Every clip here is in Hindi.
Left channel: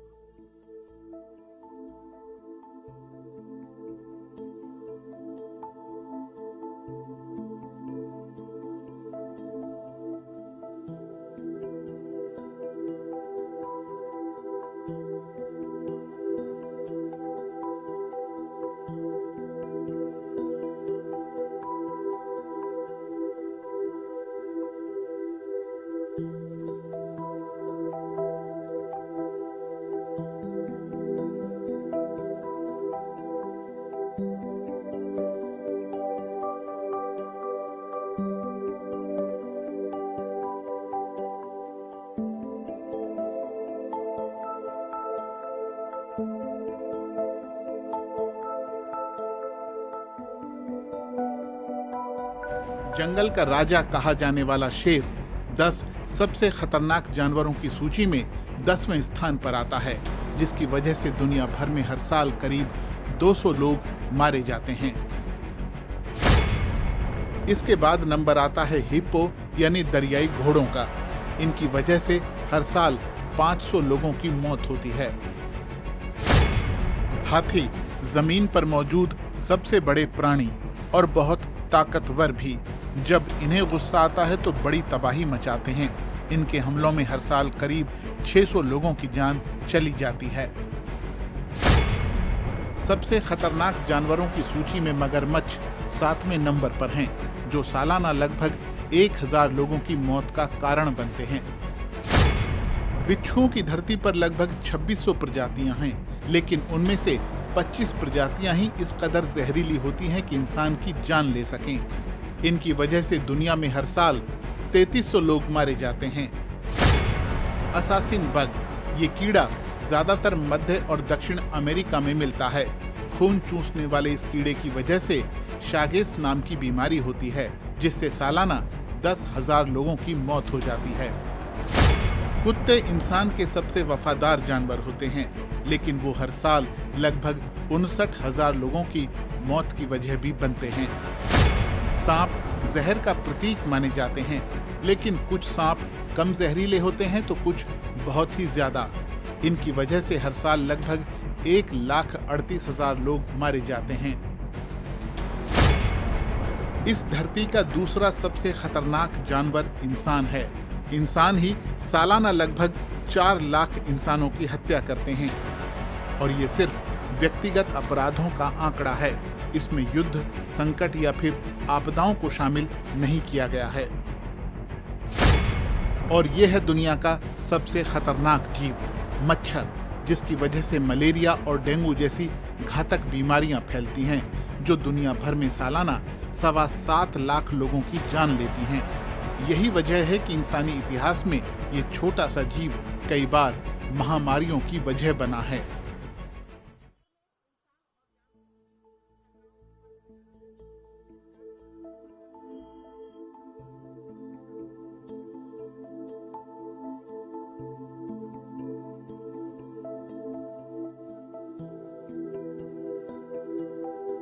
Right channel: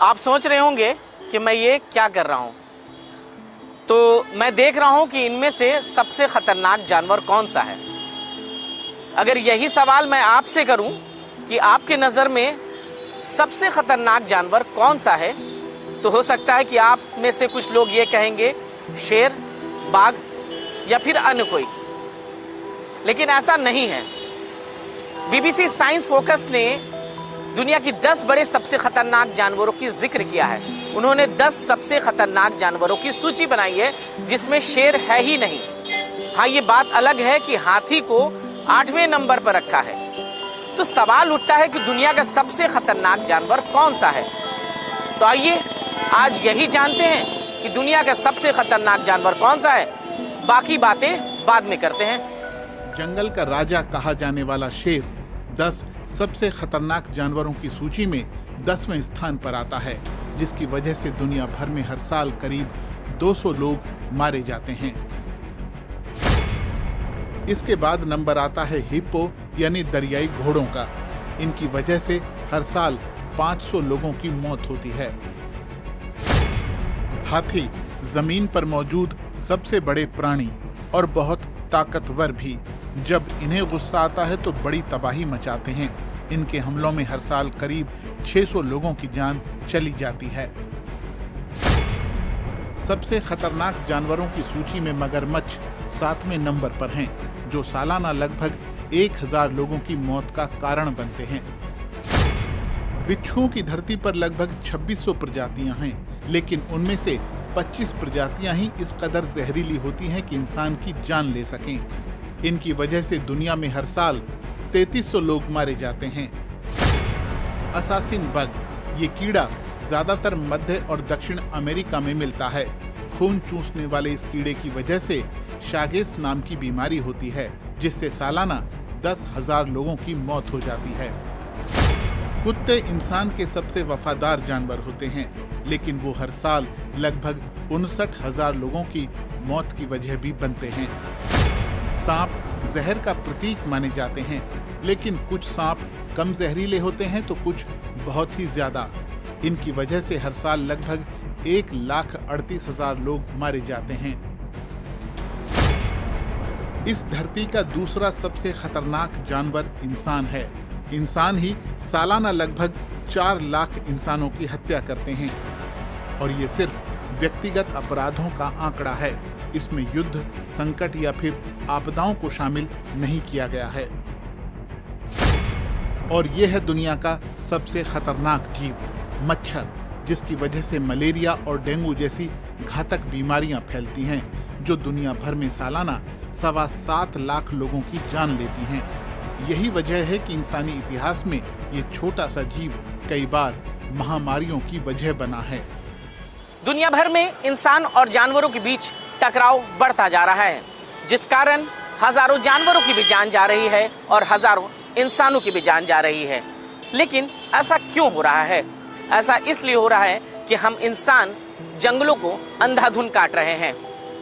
आप सोच रहे होंगे कि मैं ये क्या कर रहा हूं। तो मैं देख रहा हूं कि इनमें से सबसे खतरनाक जानवर कौन सा है। अगर यही सवाल मैं आपसे करूं कि आपके नजर में सबसे खतरनाक जानवर कौन सा है, तो हो सकता है कि आप में से कुछ लोग ये कहेंगे शेर, बाघ या फिर अन्य कोई। लेकिन ऐसा नहीं है। बीबीसी साइंस फोकस ने दुनिया की 10 बड़े सबसे खतरनाक जानवरों की जिक्र किया है। उन्होंने 10 सबसे खतरनाक जानवरों की सूची बनाई है जिसमें शेर है ही नहीं। हाँ, ये बात अलग है कि हाथी को 8वें नंबर पर रखा है। तो सवाल उठता है कि दुनिया का सबसे खतरनाक जानवर कौन सा है। तो आइए आज यही जानते हैं कि दुनिया का सबसे खतरनाक जानवर कौन सा है। बाकी बातें बाद में करते हैं। जंगल का राजा कहा जाने वाला शेर 10 सबसे खतरनाक जानवरों की सूची में 10वें स्थान पर आता है, जिसकी वजह से दुनिया भर में हर साल करीब 200 लोग मारे जाते हैं। इसके बाद नंबर आता है हिप्पो यानी दरियाई घोड़ों का। इनकी वजह से हर साल 500 लोगों की मौत होती है। हाथी जमीन पर मौजूद सबसे बड़े प्राणी और बहुत ताकतवर भी। जब इन्हें गुस्सा आता है तो बड़ी तबाही मचाते हैं। इनके हमलों में हर साल करीब 600 लोगों की जान चली जाती है। सबसे खतरनाक जानवरों की सूची में मगरमच्छ 7वें नंबर पर हैं, जो सालाना लगभग 1000 लोगों की मौत का कारण बनते हैं। बिच्छुओं की धरती पर लगभग 2600 प्रजातियां हैं, लेकिन उनमें से 25 प्रजातियां ही इस कदर जहरीली होती हैं कि इंसान की जान ले सकें। इनकी वजह से दुनिया में हर साल 3300 लोग मारे जाते हैं। असासिन बग, ये कीड़ा ज्यादातर मध्य और दक्षिण अमेरिका में मिलता है। खून चूसने वाले इस कीड़े की वजह से शागेस नाम की बीमारी होती है, जिससे सालाना 10,000 लोगों की मौत हो जाती है। कुत्ते इंसान के सबसे वफादार जानवर होते हैं, लेकिन वो हर साल लगभग 59,000 लोगों की मौत की वजह भी बनते हैं। सांप जहर का प्रतीक माने जाते हैं, लेकिन कुछ सांप कम जहरीले होते हैं तो कुछ बहुत ही ज्यादा। इनकी वजह से हर साल लगभग 1,38,000 लोग मारे जाते हैं। इस धरती का दूसरा सबसे खतरनाक जानवर इंसान है। इंसान ही सालाना लगभग 4 लाख इंसानों की हत्या करते हैं, और ये सिर्फ व्यक्तिगत अपराधों का आंकड़ा है। इसमें युद्ध, संकट या फिर आपदाओं को शामिल नहीं किया गया है। और ये है दुनिया का सबसे खतरनाक जीव, मच्छर, जिसकी वजह से मलेरिया और डेंगू जैसी घातक बीमारियां फैलती हैं, जो दुनिया भर में सालाना 7.25 लाख लोगों की जान लेती हैं। यही वजह है कि इंसानी इतिहास में ये छोटा सा जीव कई बार महामारियों की वजह बना है। दुनिया भर में इंसान और जानवरों के बीच टकराव बढ़ता जा रहा है, जिस कारण हजारों जानवरों की भी जान जा रही है और हजारों इंसानों की भी जान जा रही है। लेकिन ऐसा क्यों हो रहा है? ऐसा इसलिए हो रहा है कि हम इंसान जंगलों को अंधाधुंध काट रहे हैं,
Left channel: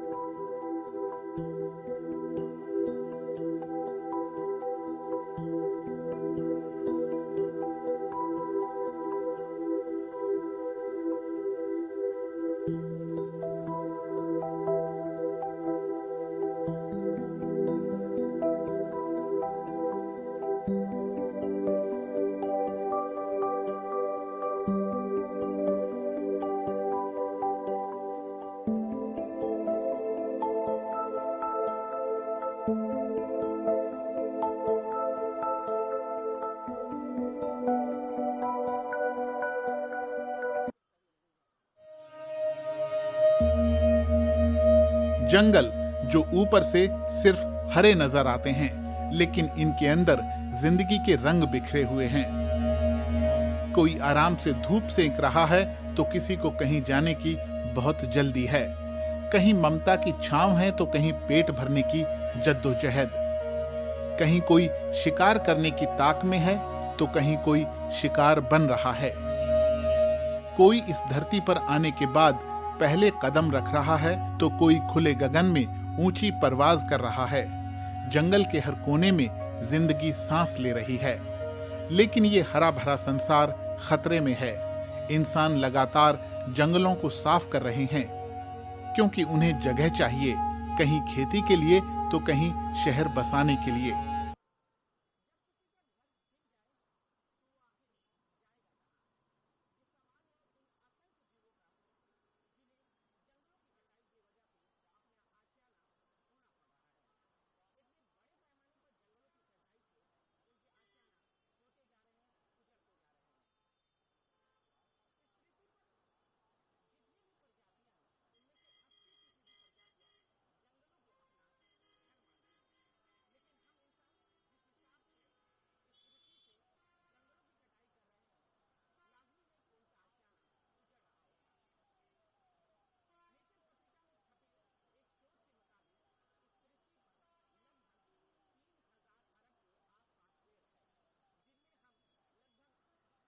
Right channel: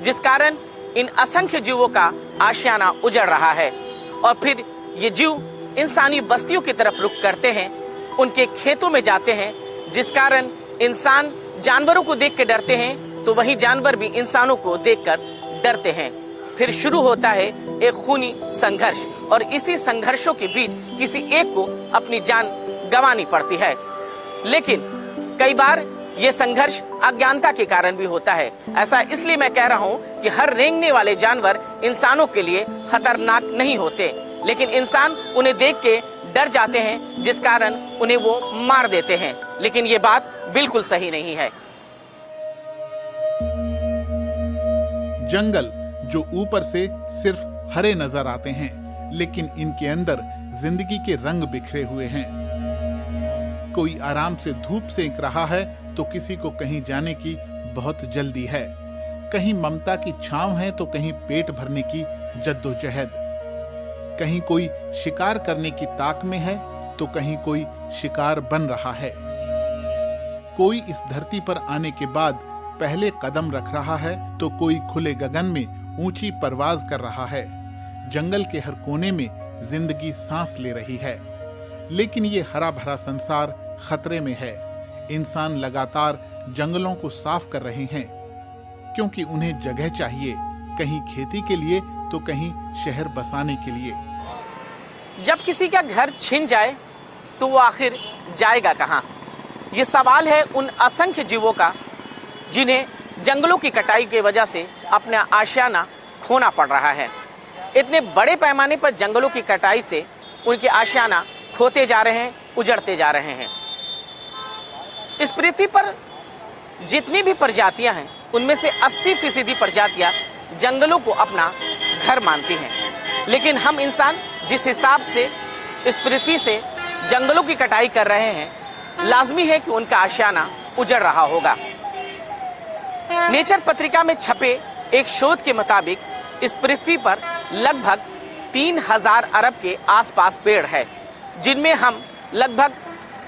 जिस कारण इन असंख्य जीवों का आशियाना उजड़ रहा है। और फिर ये जीव इंसानी बस्तियों की तरफ रुख करते हैं, उनके खेतों में जाते हैं, जिस कारण इंसान जानवरों को देख कर डरते हैं, तो वही जानवर भी इंसानों को देखकर डरते हैं। फिर शुरू होता है एक खूनी संघर्ष, और इसी संघर्षों के बीच किसी एक को अपनी जान गंवानी पड़ती है। लेकिन कई बार ये संघर्ष अज्ञानता के कारण भी होता है। ऐसा इसलिए मैं कह रहा हूँ कि हर रेंगने वाले जानवर इंसानों के लिए खतरनाक नहीं होते, लेकिन इंसान उन्हें देख के डर जाते हैं, जिस कारण उन्हें वो मार देते हैं। लेकिन ये बात बिल्कुल सही नहीं है। जंगल जो ऊपर से सिर्फ हरे नजर आते हैं, लेकिन इनके अंदर जिंदगी के रंग बिखरे हुए हैं। कोई आराम से धूप सेंक रहा है तो किसी को कहीं जाने की बहुत जल्दी है। कहीं ममता की छांव है तो कहीं पेट भरने की जद्दोजहद। कहीं कोई शिकार करने की ताक में है तो कहीं कोई शिकार बन रहा है। कोई इस धरती पर आने के बाद पहले कदम रख रहा है तो कोई खुले गगन में ऊंची परवाज कर रहा है। जंगल के हर कोने में जिंदगी सांस ले रही है, लेकिन ये हरा भरा संसार खतरे में है। इंसान लगातार जंगलों को साफ कर रहे हैं, क्योंकि उन्हें जगह चाहिए, कहीं खेती के लिए तो कहीं शहर बसाने के लिए। जब किसी का घर छिन जाए तो वो आखिर जाएगा कहाँ? ये सवाल है उन असंख्य जीवों का जिन्हें जंगलों की कटाई की वजह से अपना आशियाना खोना पड़ रहा है। इतने बड़े पैमाने पर जंगलों की कटाई से उनके आशियाना खोते जा रहे हैं, उजड़ते जा रहे हैं। इस पृथ्वी पर जितनी भी प्रजातियां हैं उनमें से 80% प्रजातियां जंगलों को अपना घर मानती हैं। लेकिन हम इंसान जिस हिसाब से इस पृथ्वी से जंगलों की कटाई कर रहे हैं, लाजमी है कि उनका आशियाना उजड़ रहा होगा। नेचर पत्रिका में छपे एक शोध के मुताबिक इस पृथ्वी पर लगभग 3000 अरब के आसपास पेड़ है, जिनमें हम लगभग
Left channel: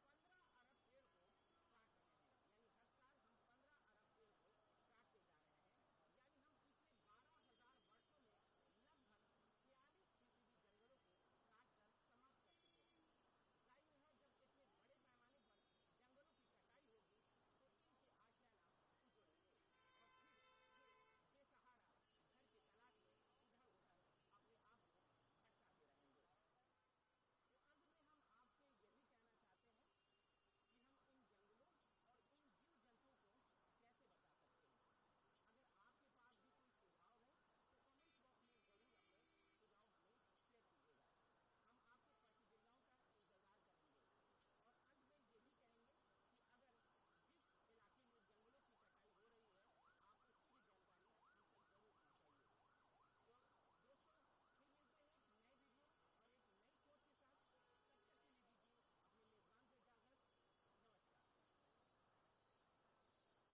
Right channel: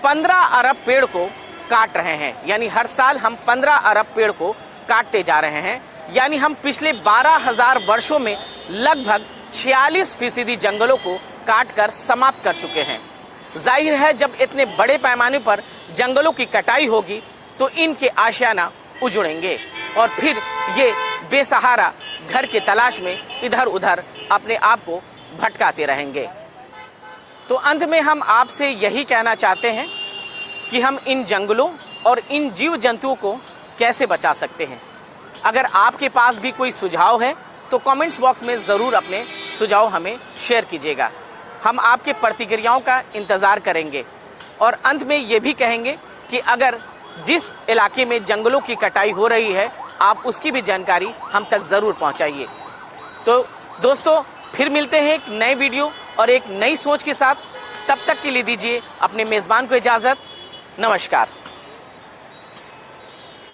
15 अरब पेड़ को काट रहे हैं। यानी हर साल हम 15 अरब पेड़ को काटते जा रहे हैं। यानी हम पिछले 12,000 वर्षों में लगभग 46% जंगलों को काट कर समाप्त कर चुके हैं। जाहिर है जब इतने बड़े पैमाने पर जंगलों की कटाई होगी तो इनके आशियाना उजड़ेंगे और फिर ये बेसहारा घर की तलाश में इधर उधर अपने आप को भटकाते रहेंगे। तो अंत में हम आपसे यही कहना चाहते हैं कि हम इन जंगलों और इन जीव जंतुओं को कैसे बचा सकते हैं। अगर आपके पास भी कोई सुझाव है तो कमेंट्स बॉक्स में ज़रूर अपने सुझाव हमें शेयर कीजिएगा। हम आपके प्रतिक्रियाओं का इंतज़ार करेंगे और अंत में ये भी कहेंगे कि अगर जिस इलाके में जंगलों की कटाई हो रही है आप उसकी भी जानकारी हम तक ज़रूर पहुंचाइए। तो दोस्तों फिर मिलते हैं एक नए वीडियो और एक नई सोच के साथ। तब तक के लिए दीजिए अपने मेज़बान को इजाज़त। नमस्कार।